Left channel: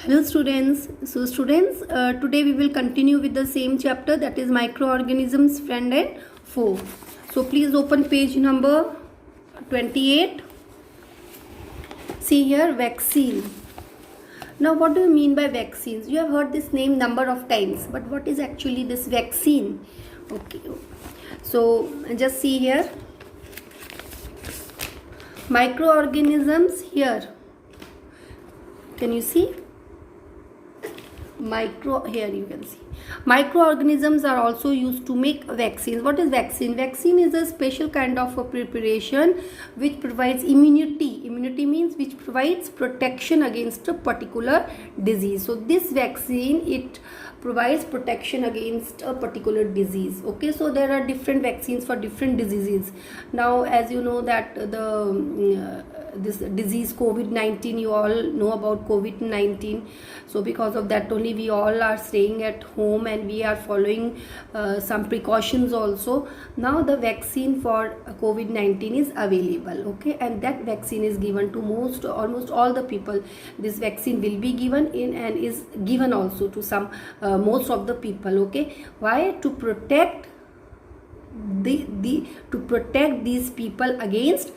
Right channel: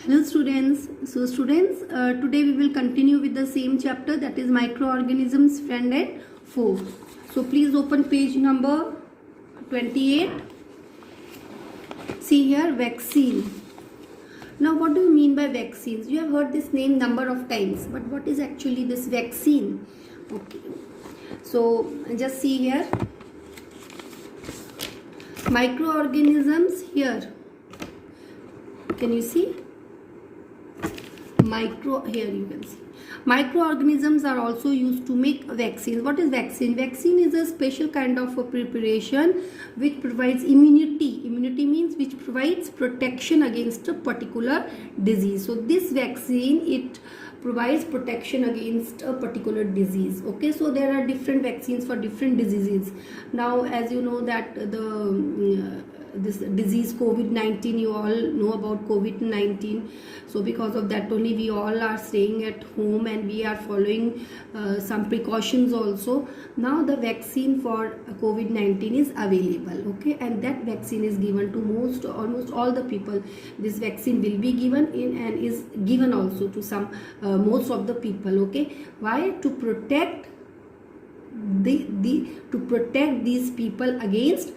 Hello students. Today we will continue with the same chapter, that is microorganisms, friend and foe. So please open page number 28. See here, vaccine. Now what do you mean by vaccines? You have heard this name number of times, but what is actually this vaccine? Okay. So just see here. Microorganisms here. Can you see? Here you can see microorganisms are also used to make vaccines. What is vaccine? Vaccine is a special kind of a preparation which provides immunity means which provides protection against a particular disease. So this vaccine, it provides protection against a particular disease. Okay, so there are different vaccines for different diseases. Now as you know that this disease COVID-19, you all know about COVID-19. So because of that only we all are staying at home and we are following some precautions also. Now the vaccine for COVID-19 is available, okay, and that vaccine is given to almost all the people. This vaccine will be given in and is given also to some most of the people. Okay, why? To protect to protect these people against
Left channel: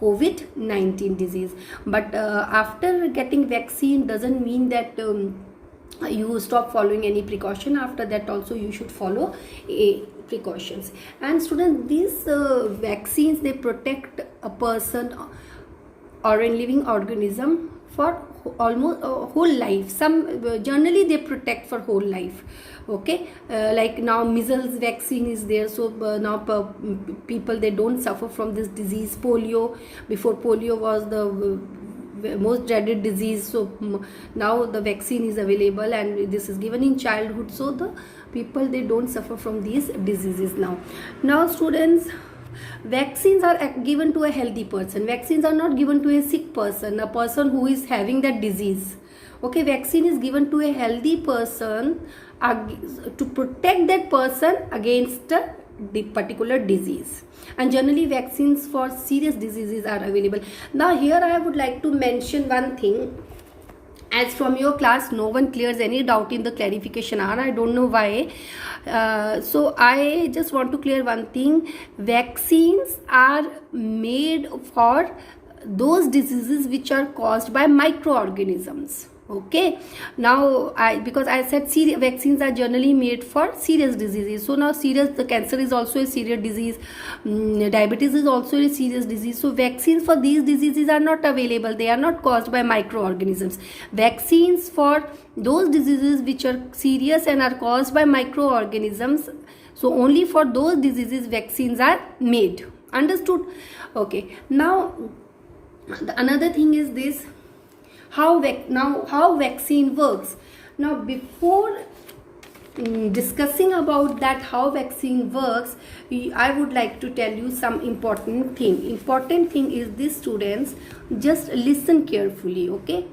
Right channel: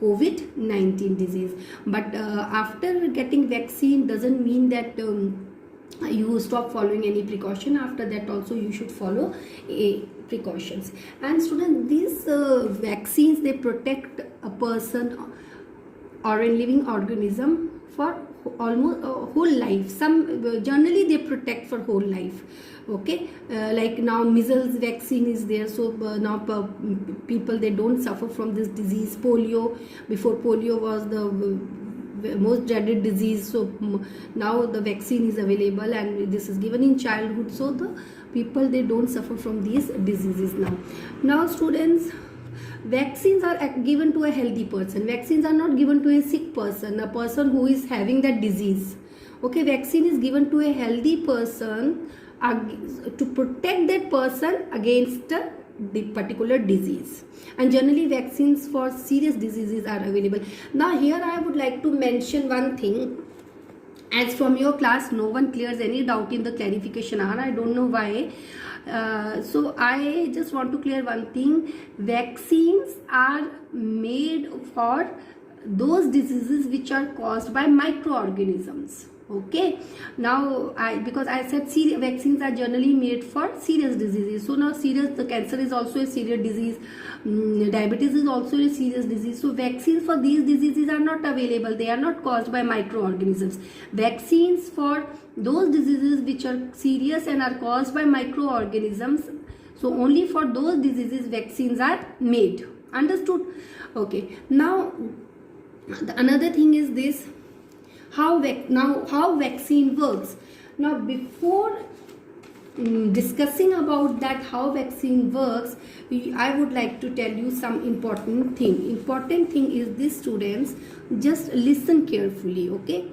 COVID-19 disease. But after getting vaccine doesn't mean that you stop following any precaution. After that also you should follow precautions. And students, these vaccines, they protect a person or a living organism for almost whole life. Some generally they protect for whole life. Okay, like now measles vaccine is there, so now people, they don't suffer from this disease. Polio, before polio was the most dreaded disease, so now the vaccine is available and this is given in childhood, so the people, they don't suffer from these diseases now students. Vaccines are given to a healthy person. Vaccines are not given to a sick person, a person who is having that disease. Okay, vaccine is given to a healthy person to protect that person against the particular disease. And generally vaccines for serious diseases are available. Now here I would like to mention one thing. As from your class no one clears any doubt in the clarification hour, I don't know why. So I just want to clear one thing. Vaccines are made for those diseases which are caused by microorganisms. Okay, now because I said vaccines are generally made for serious diseases. So now the cancer is also a serious disease, diabetes is also a serious disease. So vaccines for these diseases are not available. They are not caused by microorganisms. Vaccines for those diseases which are serious and are caused by microorganisms, so only for those diseases vaccines are made. Understood? Okay, now another thing is this. How vaccine works. Now before discussing about that how vaccine works, I would like to tell you some important thing is this, students, just listen carefully. Okay,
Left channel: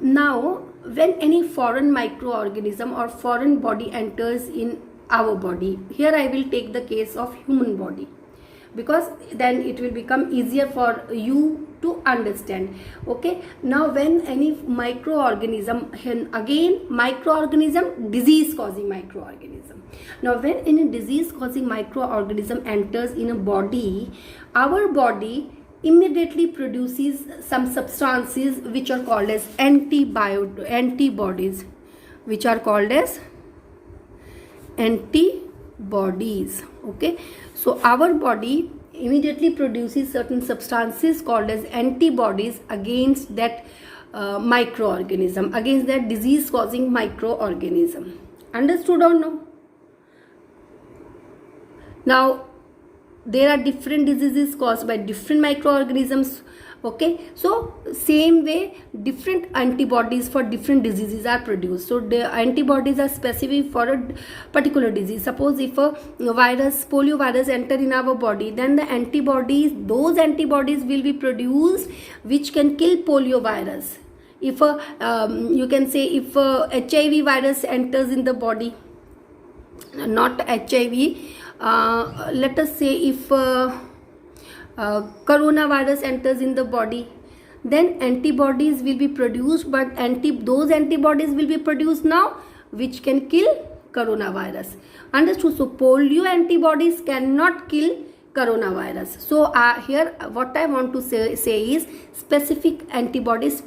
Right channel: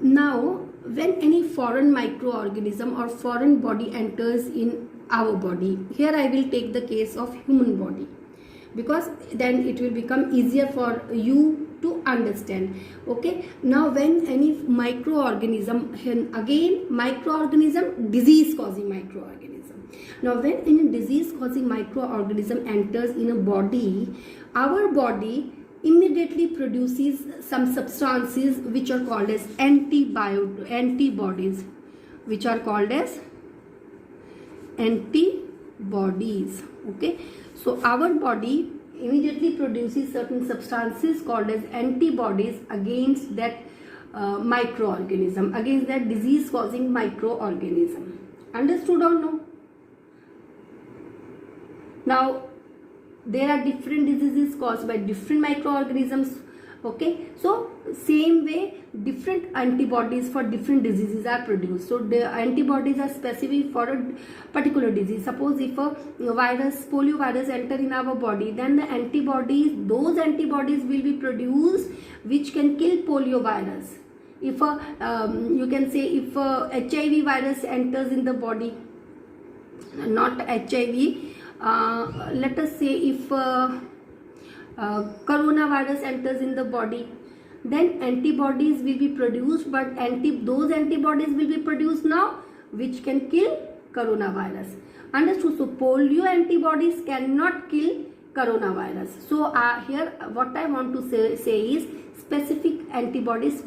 now when any foreign microorganism or foreign body enters in our body, here I will take the case of human body, because then it will become easier for you to understand. Okay, now when any microorganism, again microorganism, disease causing microorganism. Now when any disease causing microorganism enters in a body, our body immediately produces some substances which are called as antibodies, which are called as antibodies. Okay, so our body immediately produces certain substances called as antibodies against that microorganism, against that disease causing microorganism. Understood or no? Now there are different diseases caused by different microorganisms. Okay, so same way different antibodies for different diseases are produced. So the antibodies are specific for a particular disease. Suppose if a polio virus enter in our body, then those antibodies will be produced which can kill polio virus. If you can say if HIV virus enters in the body, not HIV, let us say if coronavirus enters in the body, then antibodies will be produced, but those antibodies will be produced now which can kill coronavirus. Understood? So polio antibodies cannot kill coronavirus. So here what I want to say is specific antibodies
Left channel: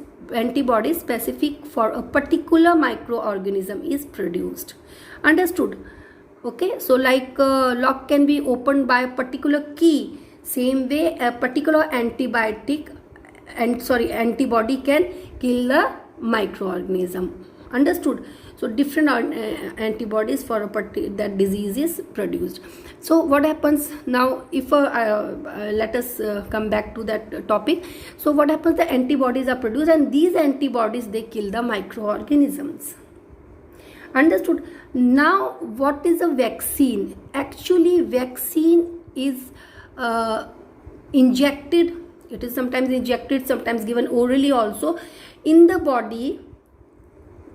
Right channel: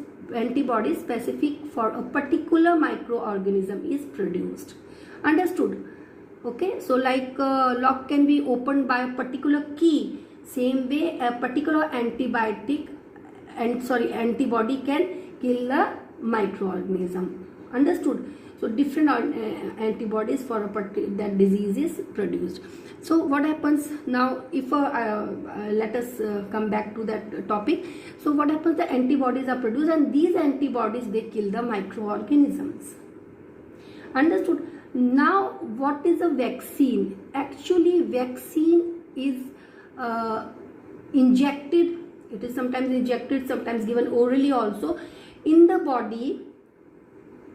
specific for a particular microorganism is produced. Understood? Okay, so like lock can be opened by a particular key, same way a particular antibody can kill the microorganism. Understood? So different antibodies for that disease is produced. So what happens now if let us come back to that topic. So what happens, the antibodies are produced and these antibodies, they kill the microorganisms. Understood? Now what is a vaccine? Actually vaccine is injected. It is sometimes injected, sometimes given orally also in the body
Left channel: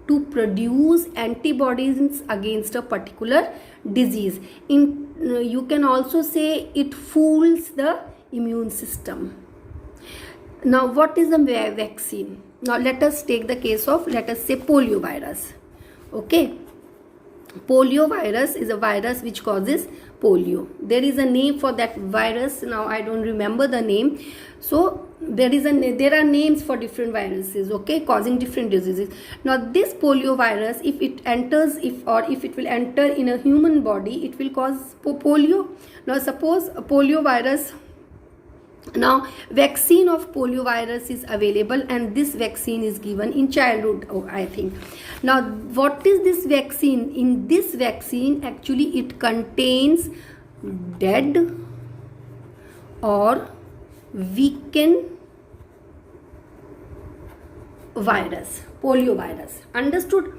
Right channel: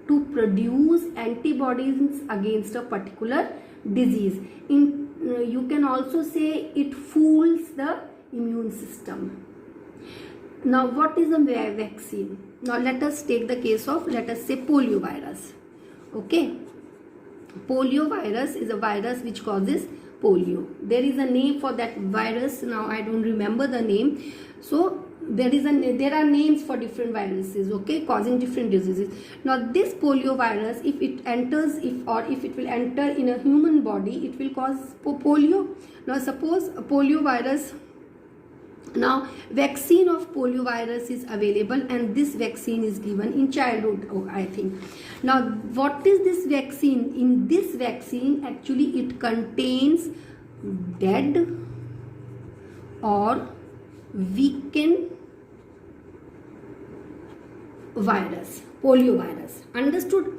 to produce antibodies against a particular disease. You can also say it fools the immune system. Now what is a vaccine? Now let us take the case of, let us say, polio virus. Okay, polio virus is a virus which causes polio. There is a name for that virus. Now I don't remember the name. So there are names for different viruses, okay, causing different diseases. Now this polio virus, if it enters, if it will enter in a human body, it will cause polio. Now suppose a polio virus, now vaccine of polio virus is available and this vaccine is given in childhood, I think. Now what is this vaccine? In this vaccine actually it contains dead or weakened virus, polio virus. Understood?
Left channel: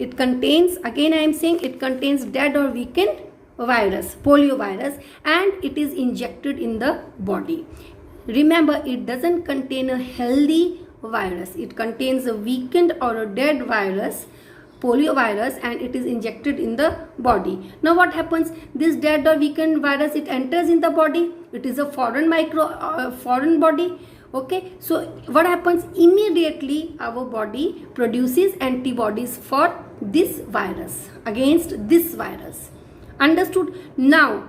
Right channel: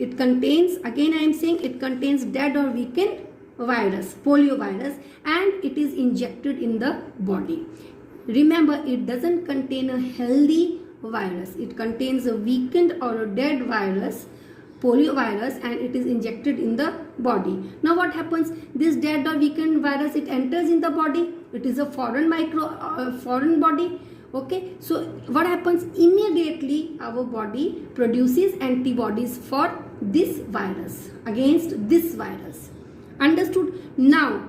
It contains, again I am saying, it contains dead or weakened virus, polio virus, and it is injected in the body. Remember, it doesn't contain a healthy virus. It contains a weakened or a dead virus, polio virus, and it is injected in the body. Now what happens? This dead or weakened virus, it enters in the body. It is a foreign body. Okay, so what happens? Immediately our body produces antibodies for this virus, against this virus. Understood? Now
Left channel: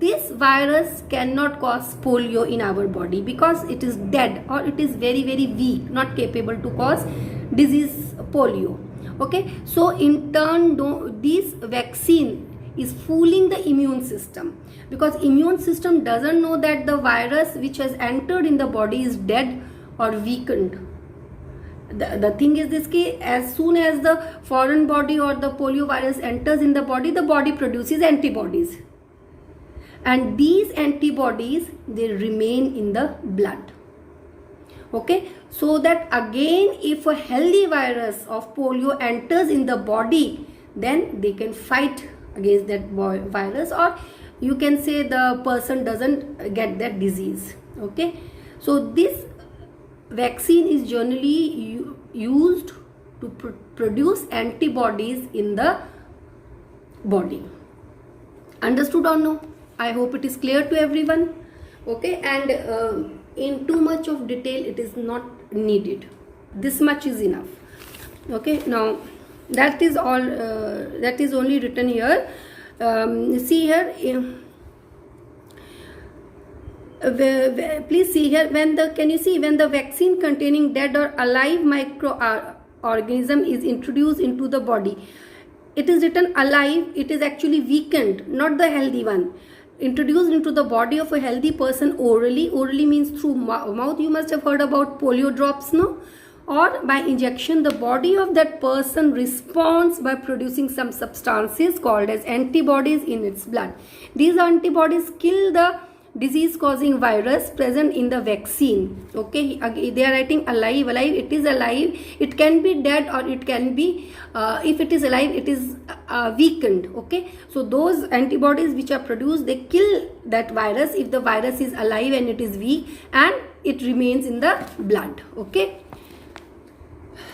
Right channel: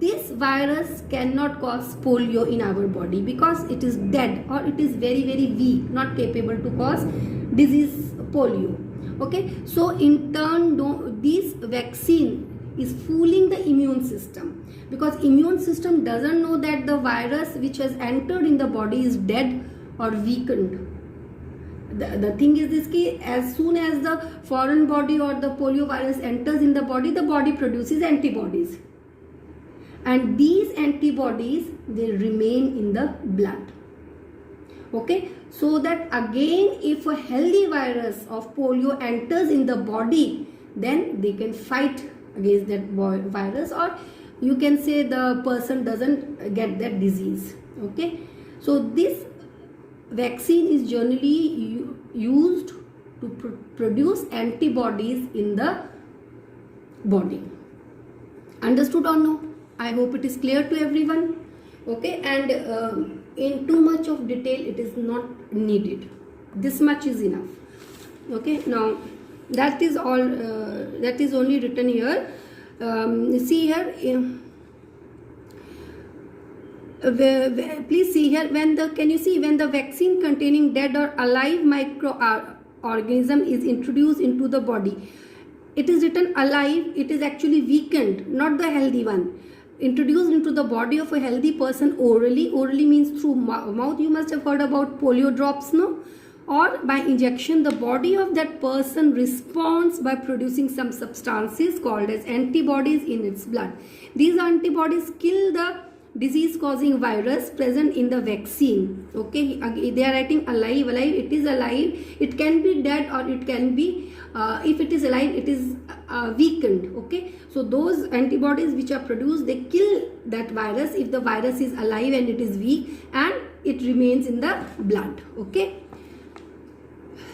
this virus cannot cause polio in our body because it is dead or it is very weak, not capable to cause disease polio. Okay, so in turn this vaccine is fooling the immune system, because immune system doesn't know that the virus which has entered in the body is dead or weakened. The thing is this case, as soon as the foreign body or the polio virus enters in the body produces antibodies, and these antibodies, they remain in the blood. Okay, so that again if a healthy virus of polio enters in the body, then they can fight against that virus, or you can say the person doesn't get that disease. Okay, so this vaccine is generally used to produce antibodies in the body. Understood or no? I hope it is clear to everyone. Okay, and in too much of detail it is not needed. This much is enough. Okay, now that is all. That is only written here. See here. Please see here. Can you see when the vaccine containing dead or alive microorganism is introduced into the body? It is written alive. It is actually weakened, not the healthy one. Introduced into the body of a healthy person orally. Orally means through mouth. You must have heard about polio drops, no? Or by injection. The body of that person responds by producing some substances called as antibodies in its blood. These antibodies kill the disease causing virus present in the vaccine. Okay, they are writing alive. It is alive. It can be dead or it can be if it is alive, it is weakened. Okay, so those antibodies which are produced, they kill that virus if the virus is alive and it is weak, and it remains in the blood. Okay,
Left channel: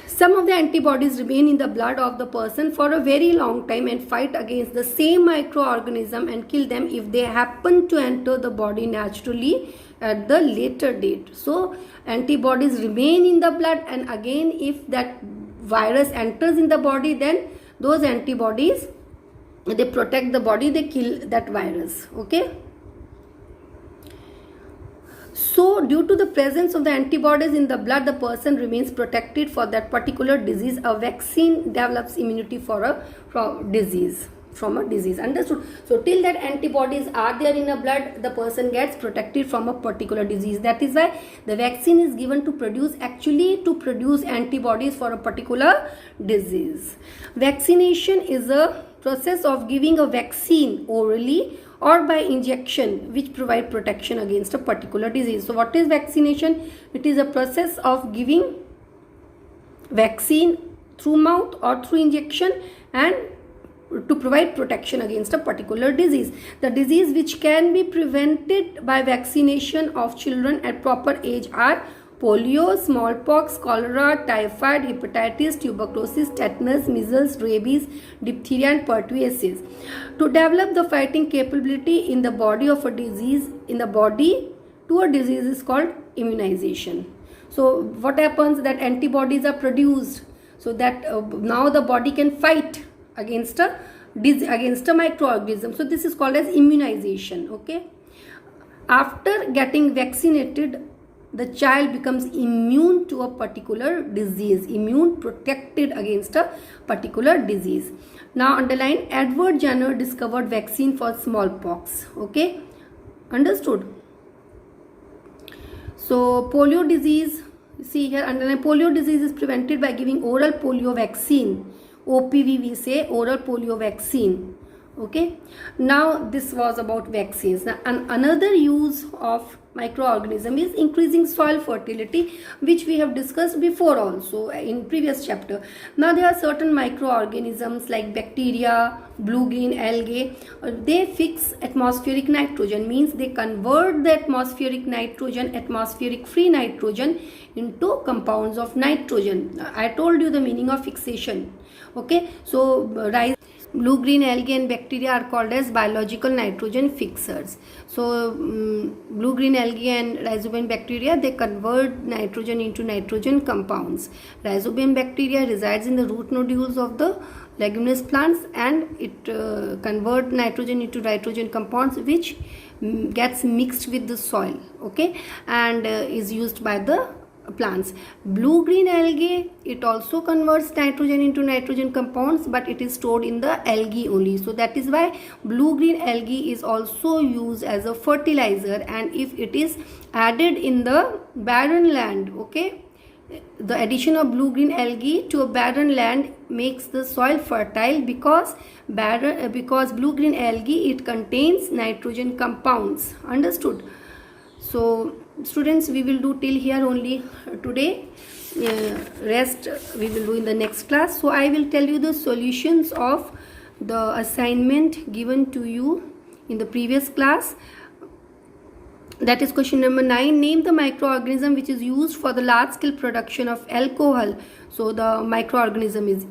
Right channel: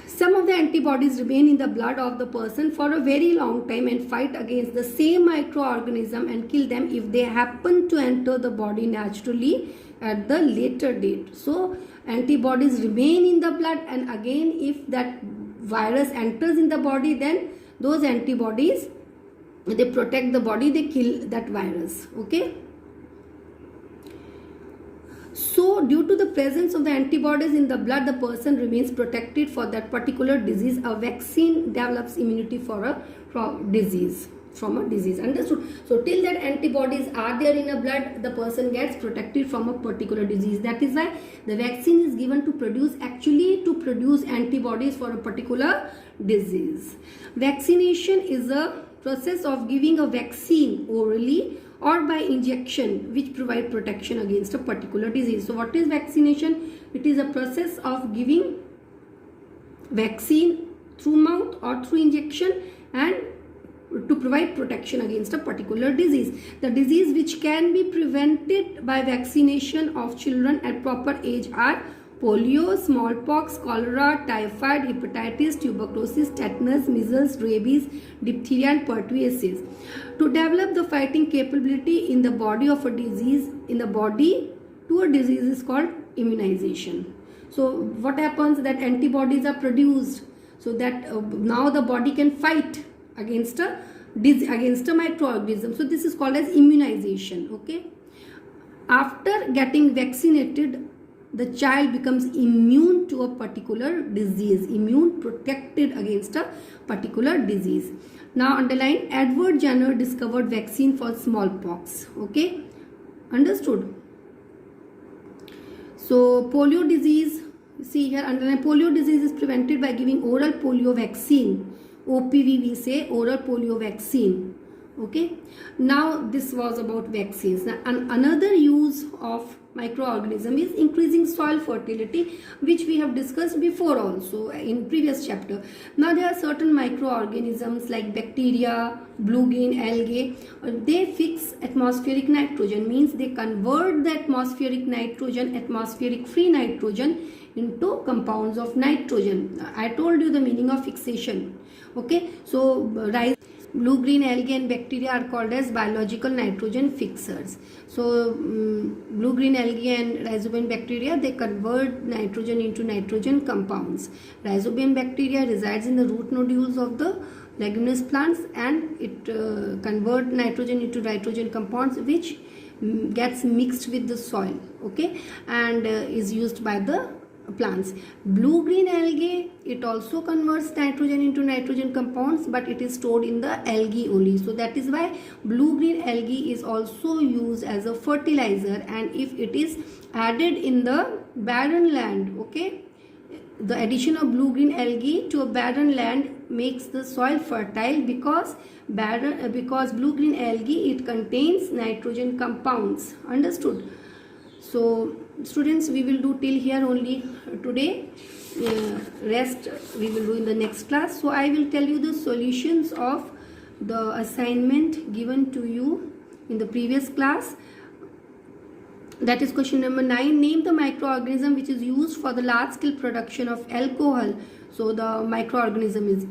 some of the antibodies remain in the blood of the person for a very long time and fight against the same microorganism and kill them if they happen to enter the body naturally at the later date. So antibodies remain in the blood, and again if that virus enters in the body, then those antibodies, they protect the body, they kill that virus. Okay. So due to the presence of the antibodies in the blood, the person remains protected for that particular disease. A vaccine develops immunity from a disease. Understood? So till that antibodies are there in the blood, the person gets protected from a particular disease. That is why the vaccine is given to produce antibodies for a particular disease. Vaccination is a process of giving a vaccine orally or by injection which provide protection against a particular disease. So what is vaccination? It is a process of giving vaccine through mouth or through injection and to provide protection against a particular disease. The disease which can be prevented by vaccination of children at proper age are polio, smallpox, cholera, typhoid, hepatitis, tuberculosis, tetanus, measles, rabies, diphtheria and pertussis. To develop the fighting capability in the body of a disease, is called immunization. So what happens, that antibodies are produced so that now the body can fight against a microorganism. So this is called as immunization. Okay. After getting vaccinated, the child becomes immune to a particular disease, immune protected against a particular disease. Now underline, Edward Jenner discovered vaccine for smallpox. Okay, understood? So polio disease, see here, underline, polio disease is prevented by giving oral polio vaccine. OPV we say, oral polio vaccine. Okay, now this was about vaccines. Now another use of microorganism is increasing soil fertility, which we have discussed before also in previous chapter. Now there are certain microorganisms like bacteria, blue-green algae. They fix atmospheric nitrogen, means they convert the atmospheric nitrogen, atmospheric free nitrogen into compounds of nitrogen. I told you the meaning of fixation. Okay, so blue-green algae and bacteria are called as biological nitrogen fixers. So blue-green algae and rhizobium bacteria, they convert nitrogen into nitrogen compounds. Rhizobium bacteria resides in the root nodules of the leguminous plants, and it convert nitrogen into nitrogen compounds which gets mixed with the soil. Okay, and is used by the plants. Blue-green algae, it also converts nitrogen into nitrogen compounds, but it is stored in the algae only. So that is why blue-green algae is also used as a fertilizer, and if it is added in the barren land, okay, the addition of blue-green algae to a barren land makes the soil fertile, because blue-green algae, it contains nitrogen compounds. Understood? So students, we will do till here only today. Rest we will do in the next class. So I will tell you the solutions of the assignment given to you in the previous class. That is question number 9. Name the microorganism which is used for the large scale production of alcohol. So the microorganism is,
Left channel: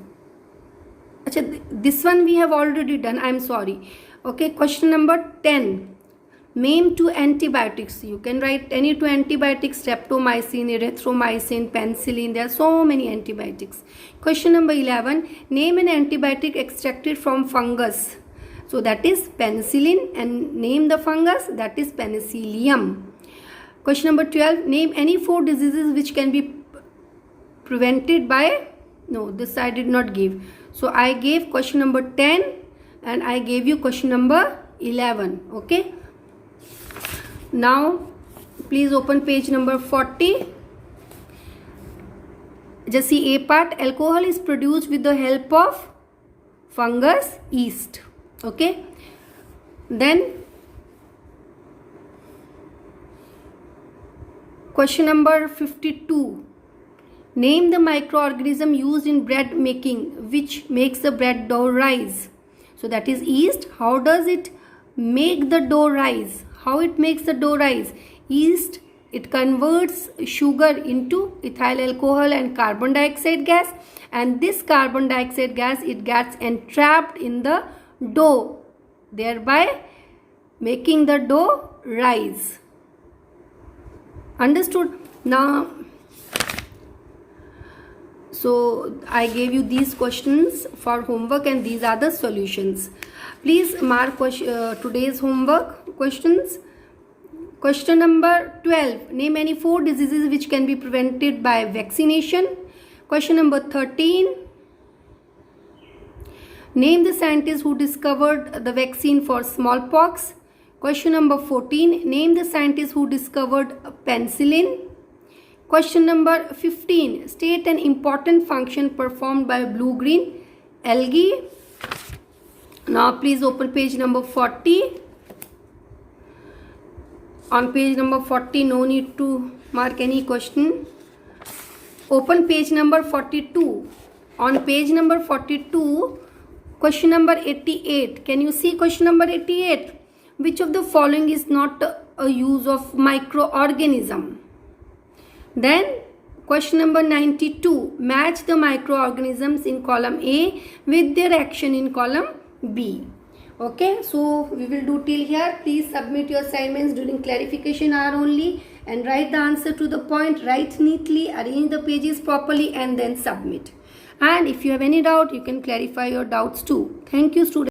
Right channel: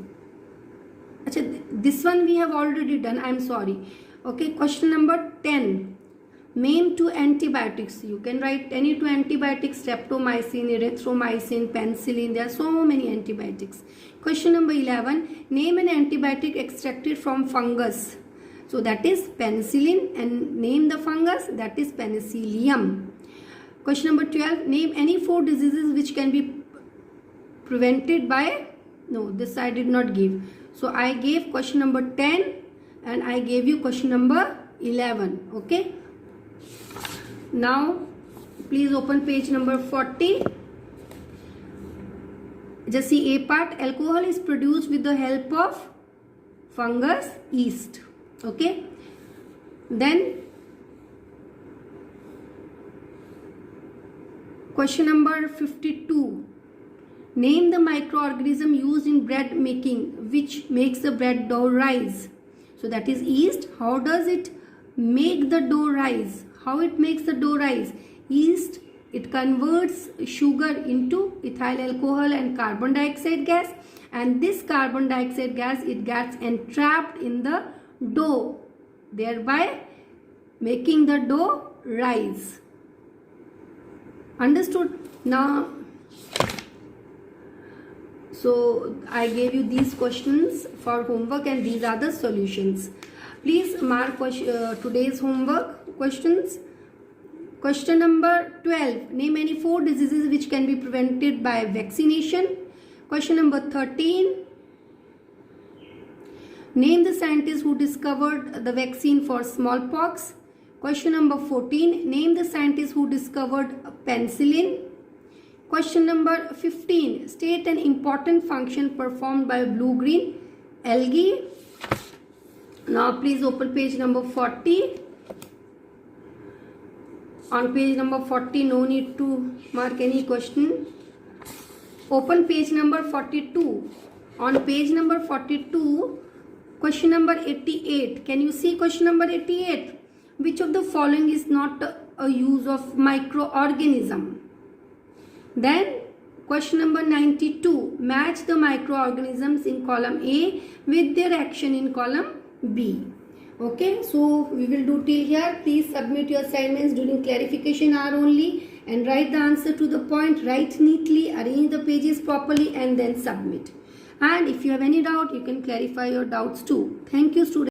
this one we have already done, I am sorry. Okay, question number 10. Name 2 antibiotics. You can write any 2 antibiotics: streptomycin, erythromycin, penicillin. There are so many antibiotics. Question number 11. Name an antibiotic extracted from fungus. So that is penicillin, and name the fungus, that is penicillium. Question number 12. Name any 4 diseases which can be prevented by, no, this I did not give. So I gave question number 10 and I gave you question number 11. Okay. Now please open page number 40. Just see A part. Alcohol is produced with the help of fungus, yeast. Okay. Then question number 52. Name the microorganism used in bread making which makes the bread dough rise. So that is yeast. How does it make the dough rise? How it makes the dough rise? Yeast, it converts sugar into ethyl alcohol and carbon dioxide gas, and this carbon dioxide gas, it gets entrapped in the dough, thereby making the dough rise. Understood? Now, so I gave you these questions for homework and these are the solutions. Please mark today's homework questions. Question number 12. Name any 4 diseases which can be prevented by vaccination. Question number 13. Name the scientist who discovered the vaccine for smallpox. Question number 14. Name the scientist who discovered penicillin. Question number 15. State an important function performed by blue-green algae. Now please open page number 40. On page number 40, no need to mark any question. Open page number 42. On page number 42, question number 88. Can you see question number 88? Which of the following is not a use of microorganism? Then question number 92. Match the microorganisms in column A with their action in column B. Okay, so we will do till here. Please submit your assignments during clarification hour only and write the answer to the point, write neatly, arrange the pages properly and then submit. And if you have any doubt, you can clarify your doubts too. Thank you, students.